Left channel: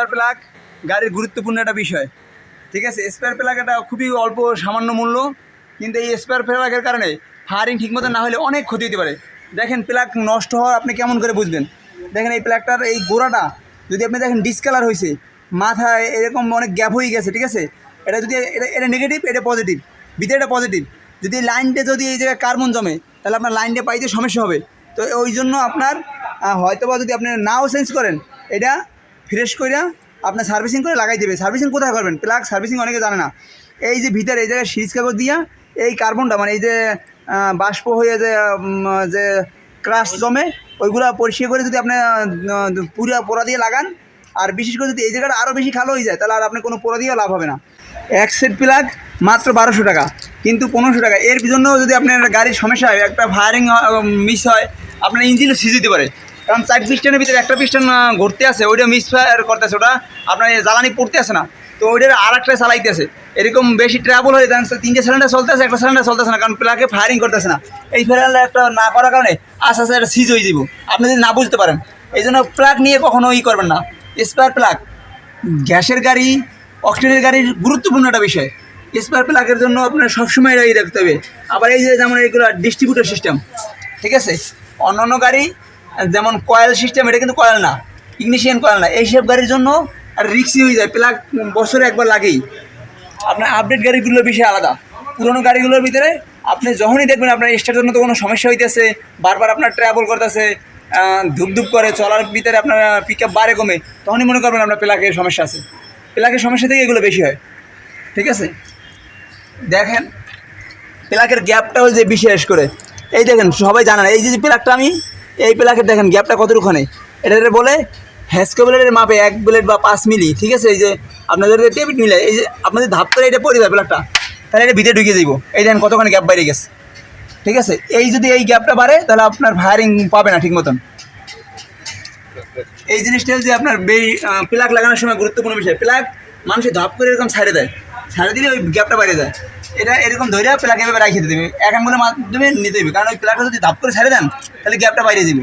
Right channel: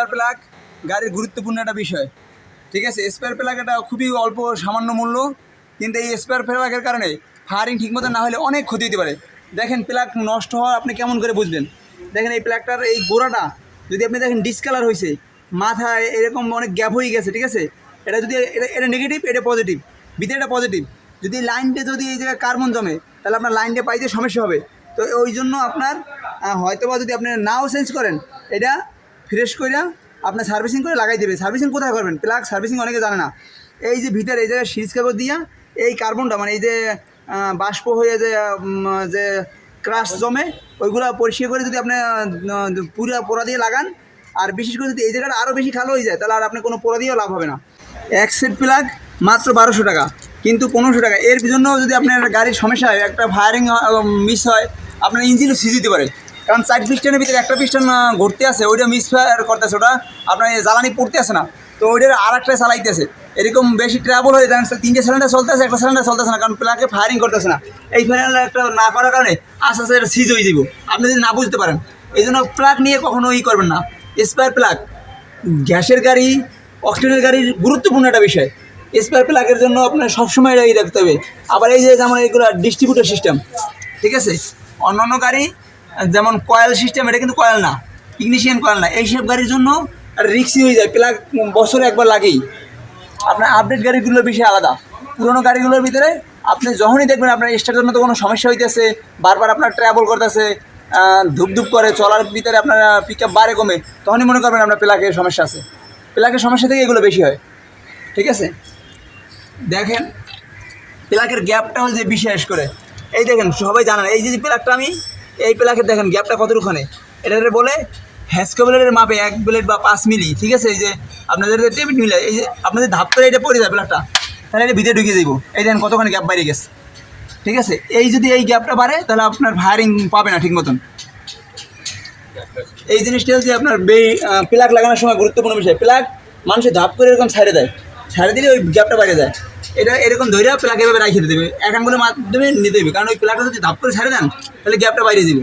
Spare plug গাড়ির গুরুত্বপূর্ণ একটা বিষয়, ঠিক আছে। স্পেয়ার প্লাগ এটা খুবই অল্প সামান্য মূল্য, কিন্তু এই স্পেয়ার প্লাগের কারণে ফায়ারিং ঠিকমতো না হলে অনেক ক্ষতি হতে পারে। দেখেন প্লাগ নষ্ট হওয়া আপনি কেমন করে বুঝবেন? দেখেন এই প্লাগটার এই গোড়াটা যদি আপনি দেখেন ডিসকালার হয়েছে, মাথায় এরকম অনেক গ্যাপ হয়ে গেছে, ঠিক আছে। এটা যদি এটা নেগেটিভ, এটা পজিটিভ, ভিতরে এটা পজিটিভ। যদি লাইনটা যদি এই জায়গায় কার্বন জমে তাহলে আপনার লাইনটা পাইতে সমস্যা হবে। তো ওই জন্য আপনার হয়তোবা যদি আপনি নাও চেঞ্জ করেন, এটা ফ্রেশ করে আপনার সার্ভিসিং করে লাগাই দেবে। সার্ভিসিং কোথায় করবেন? প্লাগ সার্ভিসিং অনেকে জানে না। এই যে ভিতরে এই জায়গায় সিরিজ কাগজ দিয়া এই কার্বনটা মানে এই যে বাষ্প হয়ে যে ক্রাশ জমে ওইগুলো পরিষ্কার করে যদি আপনি পুরো পোড়া দিয়ে লাগান, আর বিশেষ করে যদি এই জায়গাটা আরও বেশি খালো হয়ে যায় তাহলে আর আপনি কোনো পোড়া দিয়েও লাভ হবে না। এক সেট প্লাগ মাত্র 1200 টাকা, কিন্তু 1500 টাকা। এর জন্য যদি আপনার গাড়ির সমস্যা হয়, একটা ফায়ারিং মিস হয়, আপনার ইঞ্জিনও সিজ দিতে পারে। কারণ 4 পিস্টনের ভিতরে একটা পিস্টন ঘুরতে আছে, ওইটা মিস ফায়ার করতেছে, ওটা আপনার জ্বালানি পড়তে আসে না, তো ওইটার আর একটা চালাইতেছে। এরকম বেশি ট্রাবল হয়ে যাচ্ছে, 3টে সিলিন্ডার চলতেছে, একটা সিলিন্ডার চলতেছে না, কারণ প্লাগে ফায়ারিং করতেছে না। এই ফায়ারিংটা একটা না করার কারণে আস্তে আস্তে এটা সিজ হয়ে যাব, আপনি যদি না বুঝতে পারেন। এই জন্য প্লাগ নিয়ে কখনো করবেন না। স্পায়ার প্লাগ গ্যাসের গাড়ি, অক্সিজেনের গাড়ির গুরুত্বপূর্ণ একটা বিষয়। স্পায়ার প্লাগের জন্য আপনার সবসময় রেডি রাখতে হবে। আবার এই যে যেমন এইগুলো ডিস্ট্রিবিউটর সিস্টেম, ঠিক আছে। অন্যান্য গাড়ি যেমন কয়েল সিস্টেম, এটা কিন্তু কয়েল না, ইগনিশিয়ান কয়েল না। এইসব গাড়ির জন্য আর রিক্সি হয়ে যায়, প্লাগ বছরে একবার লাগেই। আপনার আপডেট গাড়িগুলোর বিষয় আলাদা। পুরোনো গাড়িগুলোর ভিতরে আপনি যখনই দেখবেন আপনার স্টার্টের জন্য তো কোনো সমস্যা হইতেছে, বারবার আপনার ট্রাভেল করতেছে, ধুপধুপ করে চলার ভিতরে আপনার পিক আপ বাড়ে কমে, তখনই মনে করবেন আপনার প্লাগের সমস্যা আছে। প্লাগের সমস্যা থেকে এগুলো বেশি হয়, ঠিক আছে। দেখেন প্লাগের গ্যাপটা হচ্ছে বিশেষ করে, এই দেখেন সবাই জানেন এই যে প্লাগটা আমি এই প্লাগের দেখেন গ্যাপটা কতটুকুখানে, এটাতে বলে হ্যাসকো ব্লেডের মাপে 1 ব্লেড বা 5 মিলি, ঠিক আছে। এই যে আপনাদের টেবিট মিলে এই যে আপনাদের ধাপ করে এটা পড়ে যায় প্লাগটা, তাহলে এটা ভিতরে ঢুকিয়ে দিব। এই দেখেন কতখানি গ্যাপ বাইরে গেছে, ঠিক আছে। এই যদি এই গ্যাপটা বাড়ে তাহলে আপনার ফায়ারিং পাবে না ঠিক মতন। এই জিনিসটা হচ্ছে আপনার প্লাগ লাগানোর সময় গুরুত্বপূর্ণ বিষয়। প্লাগ মানুষের ধাপ করে এরকম ছাড়ে দেয়, ছাড়ে দিলে ওই গ্যাপটা বাইরে যায়। এটা এরকম ধরে প্লাগ এভাবে রাখিয়ে দেবে, এক আঙ্গুলের মাধ্যমে নিতে দেবে, কারণ ওই প্লাগটা যদি ধাপ করে ছাড়ে দেন তাহলে গ্যাপটা বাইরে যাবে।